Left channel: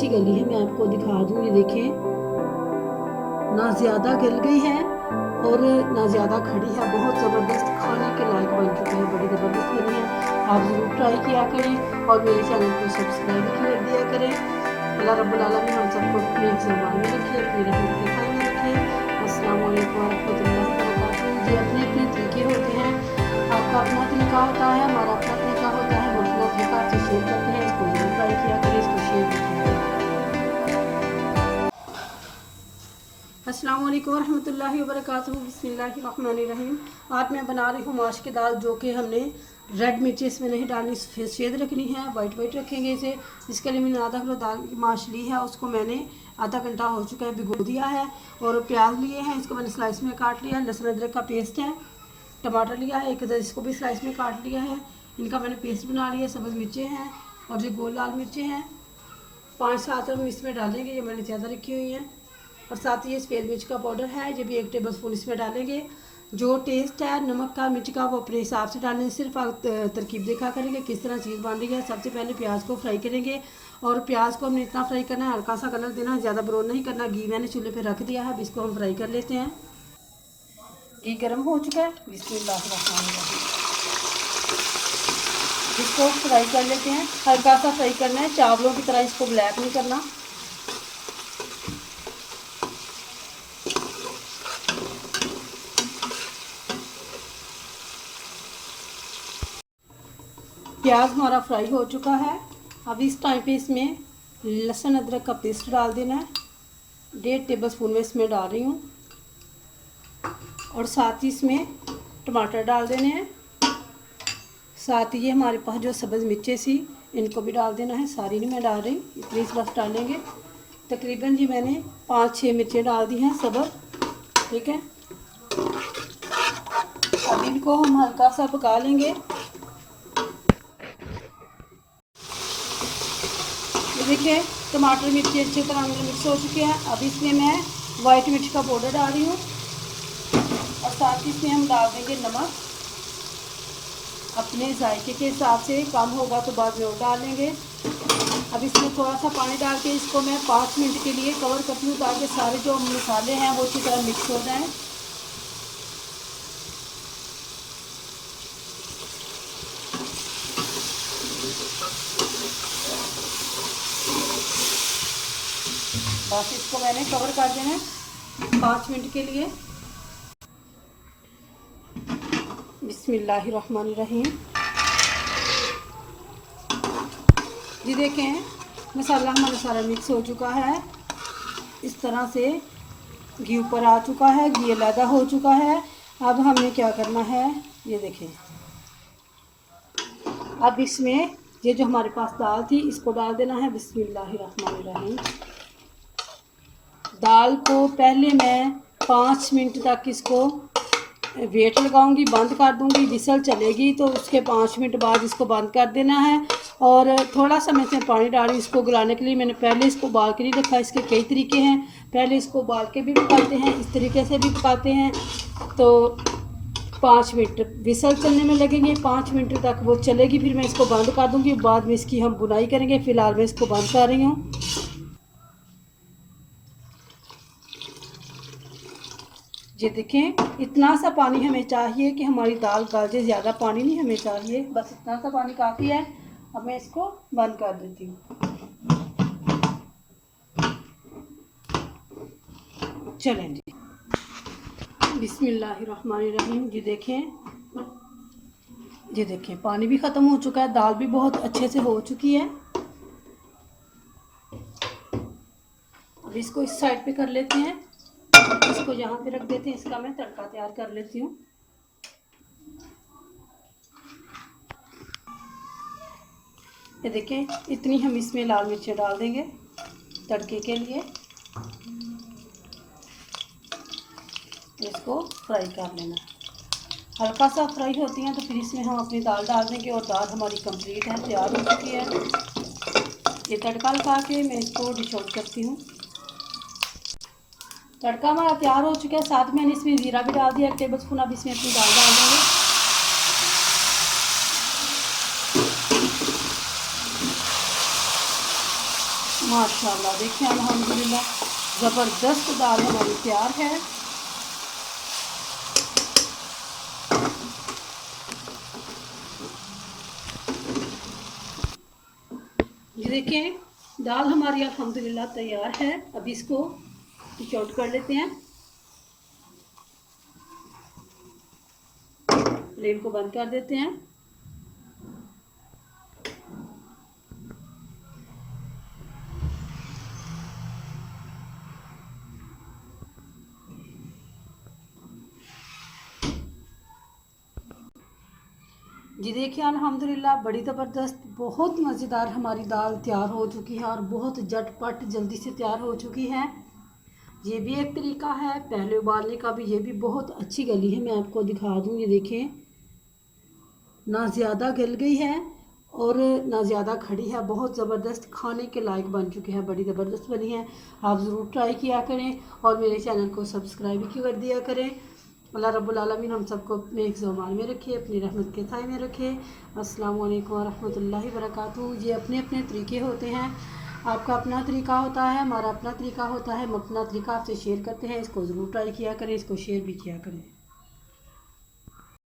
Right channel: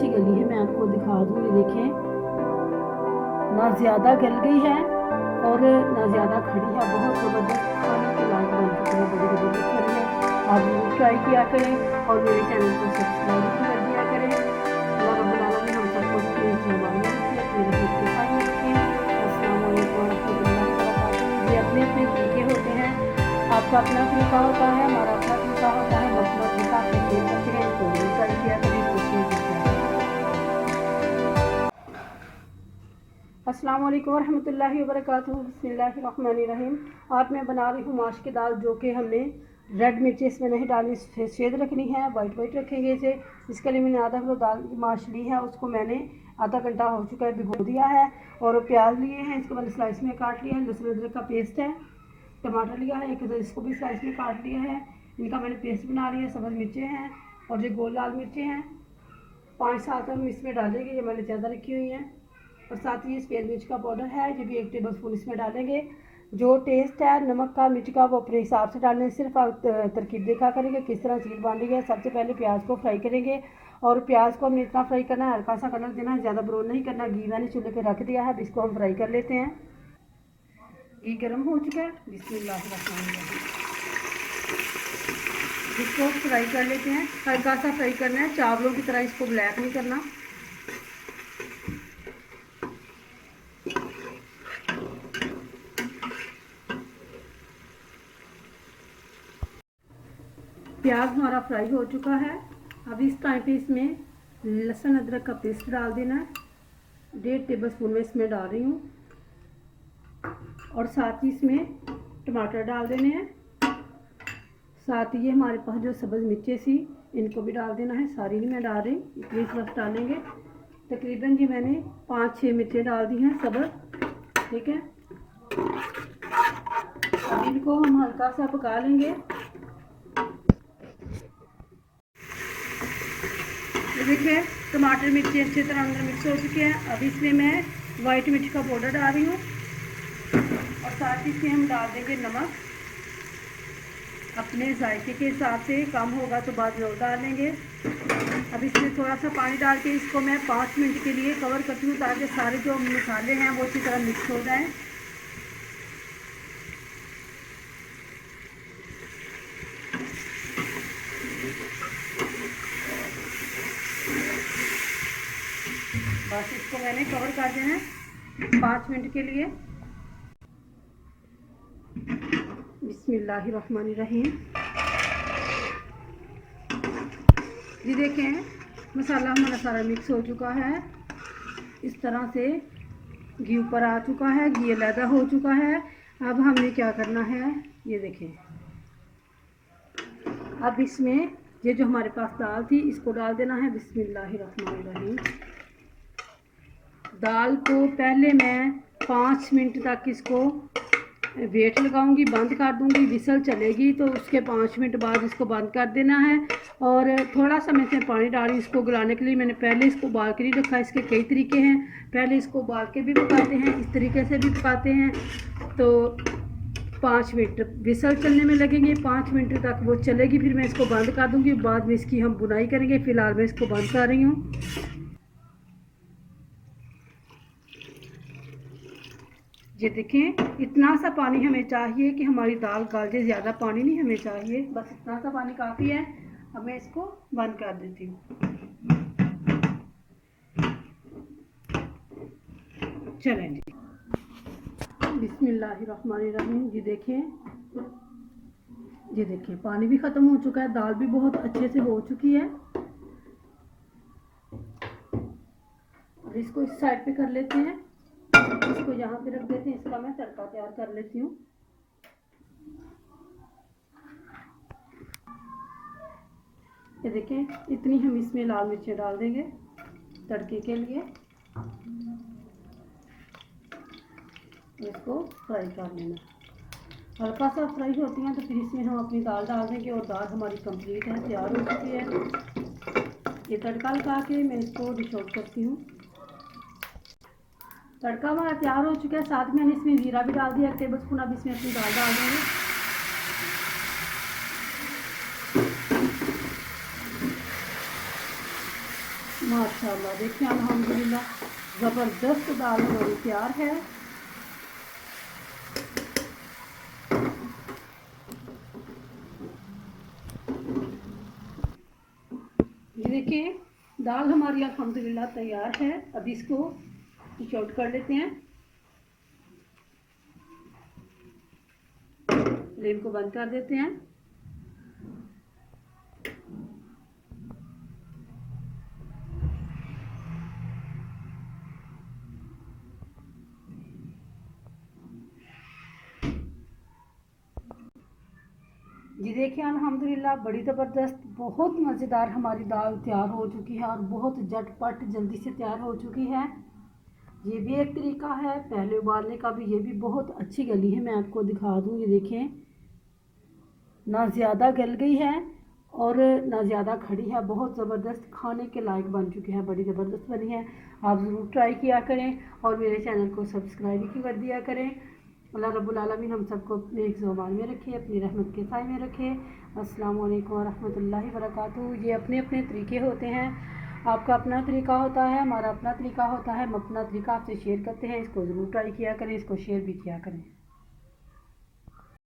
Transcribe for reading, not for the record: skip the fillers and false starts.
अच्छी गली है, मैं आपको दिखा दूँ। ये देखें, ना ज़्यादा गल गई है और ना ज़्यादा खड़ी है, बहुत ज़बरदस्त खाने के लायक बन चुकी है, बड़ी ज़बरदस्त बनी है। आप ज़रूर ट्राई किया करें और मेरे चैनल को सब्सक्राइब कर दिया करें। अल्लाह रब्बुल आलमीन हम सबको अपने ज़मान में रखिए, अपनी रहमत के खाए में रखिए। अस्सलाम वालेकुम रहमतुल्लाहि व बरकातुहू। ये अपने अपने तरीके होते हैं, आपका अपना तरीका होता है, हमारा अपना तरीका होता है। हम अपना तरीका आपसे शेयर करते हैं, इसको ज़रूर ट्राई किया करें, इसको शेयर किया करें। अस्सलाम वालेकुम रहमतुल्लाहि व बरकातुहू। बिस्मिल्लाहिर्रहमानिर्रहीम। आज मैं बना रही हूँ माश की दाल, जो कि हमने रेड मिर्ची इसमें नहीं डालनी, सफ़ेद रखनी है, वाइट रखेंगे इसे। इसके लिए मैंने आधा किलो दाल की माश ली है, उसको मैंने आधा घंटा हो चुका है भिगो दिया है। और प्याज लिए हैं, इसको मैंने स्लाइस में काट लिया है। लहसुन अदरक का पेस्ट है। टमाटर लिया है एक, इसको भी स्लाइस में काट लिया है, इनका मैंने पेस्ट बना लिया। सब्ज़ मिर्चें हैं और जो गोल लाल मिर्चें हैं 5-7 हम इसमें डालेंगे, ये मैंने ज़्यादा रखी हुई हैं। और साथ ही ये सफ़ेद मिर्च का पाउडर है, ये भी 1 टेबल स्पून इसमें डालेंगे। जो टेस्ट है नमक का मिर्च का वो अपने हिसाब से डालने, सिर्फ आप तरकीब देखा करेंगे किस तरह चीज़ बन रही है। सबसे पहले प्याज को फ्राई करेंगे और प्याज को हमने इतना फ्राई करना है, हल्का सा कलर देना है, ज़्यादा ब्राउन नहीं करना। घी मैंने चूल्हे पे रख दिया है, अब इसको हम फ्राई कर लेते हैं। घी गर्म हो चुका है, बिस्मिल्लाहिर्रहमानिर्रहीम। इसको फ्राई कर लेते हैं, हल्का सा फ्राई करना है, चावलों की तरह इसको ब्लैक नहीं करना। प्याज हमारा फ्राई हो चुका है। अब इस टाइम पे इसमें लहसुन अदरक का पेस्ट डाल देना है, 1.5 टेबल स्पून में इसमें डाल रही हूँ। और साथ ही इसमें टमाटर डाल देने हैं। साथ ही ये हमारे पास जो सब्ज़ मिर्चें सी, इनको भी डाल देना है। सारी नहीं मैं डाल रही, इतनी बस डालेंगे। तकरीबन जी मैंने 5-6 मिर्चें डाल दी हैं सब्ज़, ठीक है। अब इनको हम हल्का सा पका लेंगे। देखिए टमाटर मिर्ची अच्छी तरह मिक्स हो चुके हैं। अब इसमें मैं वाइट मिर्च का पाउडर डाल रही हूँ और साथ ही इसमें हम डाल देंगे नमक अपने जायके के हिसाब से, कम होगा तो बाद में और डाल लेंगे। अब इसमें थोड़ा सा पानी डाल के इसको मैं 5 मिनट के लिए कवर करती हूँ, ताकि सारे जो मसाले हैं वो अच्छी तरह मिक्स हो जाएँ। बस इसको मैंने कवर कर देना है 5 मिनट के लिए। बिस्मिल्लाहिर्रहमानिर्रहीम। जी देखें, मसाला हमारा सारा मिक्स हो चुका है। इस तरह से घी ऊपर आ चुका है, घी अलहदा हो चुका है। अब हमें क्या करना है, ये देखें। अब इसमें ये जो हमारे पास दाल थी इसको डाल देना है। बिस्मिल्लाहिर्रहमानिर्रहीम। दाल को पहले मैं 5 मिनट तक इसको वेट लगाऊंगी, बंद कर दूंगी। विसल चलेगी तो उसके 5 मिनट बाद इसको बंद कर देना है। और थोड़ा सा मैं इसमें पानी डाली इसको गलाने के लिए। मैंने पहले इसको उबाल के नहीं रखा, इसके कई तरीके हैं। पहले इसको उबाल के भी पकाते हैं, इस तरीके से भी पकाते हैं। तो 5 मिनट विसल चलने में लगेंगे, 5 मिनट तक वो चलेगी, फिर मैं इसको बंद कर दूंगी। बाद में इसकी हम बुनाई करेंगे। फ़िलहाल मैं इसको बंद कर रही हूँ। ये देखें, इतना सा पानी हमें चाहिए कि हमारी दाल गल जाए, ज़्यादा पानी नहीं हमें चाहिए, बस इतना सा पानी काफ़ी है। अब मैं इसको बंद कर देती हूँ। चलें जी, बिस्मिल्लाहिर्रहमानिर्रहीम। ये देखें पानी भी ख़त्म हो चुका है, दाल भी बहुत अच्छे से हो चुकी है। अब इसको इस साइड पे कर लेते हैं, इसको यहाँ पे रख देते हैं। इसका मैं तड़का तैयार कर लेती हूँ। ये देखें, इतनी हम इसमें लाल मिर्चें डाल देंगे तड़के के लिए। इसको फ्राई कर लेना, हल्का सा फ्राई होती हैं तो फिर इसमें हम अपनी दाल डाल देंगे। और दाल हमारी कंप्लीट है, तैयार हो चुकी है। ये तड़का लगा के मैं इसको डिश आउट करती हूँ। तड़का हमारा तैयार हो चुका है, साथ में मैंने इसमें ज़ीरा भी डाल दिया 1 टेबल स्पून। अब इसमें अपनी दाल डाल देंगे। माशाल्लाह देखिए अल्हम्दुलिल्लाह ज़बरदस्त दाल हमारी तैयार है। ये देखें दाल हमारी अल्हम्दुलिल्लाह तैयार है। अभी इसको डिश आउट कर लेते हैं। फ्लेम को बंद कर देते हैं। जी देखिए अल्हम्दुलिल्लाह बड़ी ज़बरदस्त बहुत मज़ेदार हमारी दाल तैयार हो चुकी है और बहुत झटपट जल्दी से तैयार हो चुकी है। ये भी एक तरीका है पहले उबालने का भी, ये भी बहुत अच्छी गली है। मैं आपको दिखा दूँ, ये देखें ना ज़्यादा गल गई है और ना ज़्यादा खड़ी है, बहुत ज़बरदस्त खाने के लायक बन चुकी है, बड़ी ज़बरदस्त बनी है। आप ज़रूर ट्राई किया करें और मेरे चैनल को सब्सक्राइब भी कर दिया करें। अल्लाह रब्बुल आलमीन हम सबको अपने हिफ्ज़-ओ-अमान में रखे, अपनी रहमत के साए में रखे। अस्सलाम वालेकुम व रहमतुल्लाहि व बरकातुहू। ये अपने अपने तरीके होते हैं, आपका अपना तरीका होता है, हमारा अपना तरीका होता है। हम अपना तरीका आपसे शेयर करते हैं, इसको ज़रूर ट्राई किया करें, इसको शेयर भी किया करें।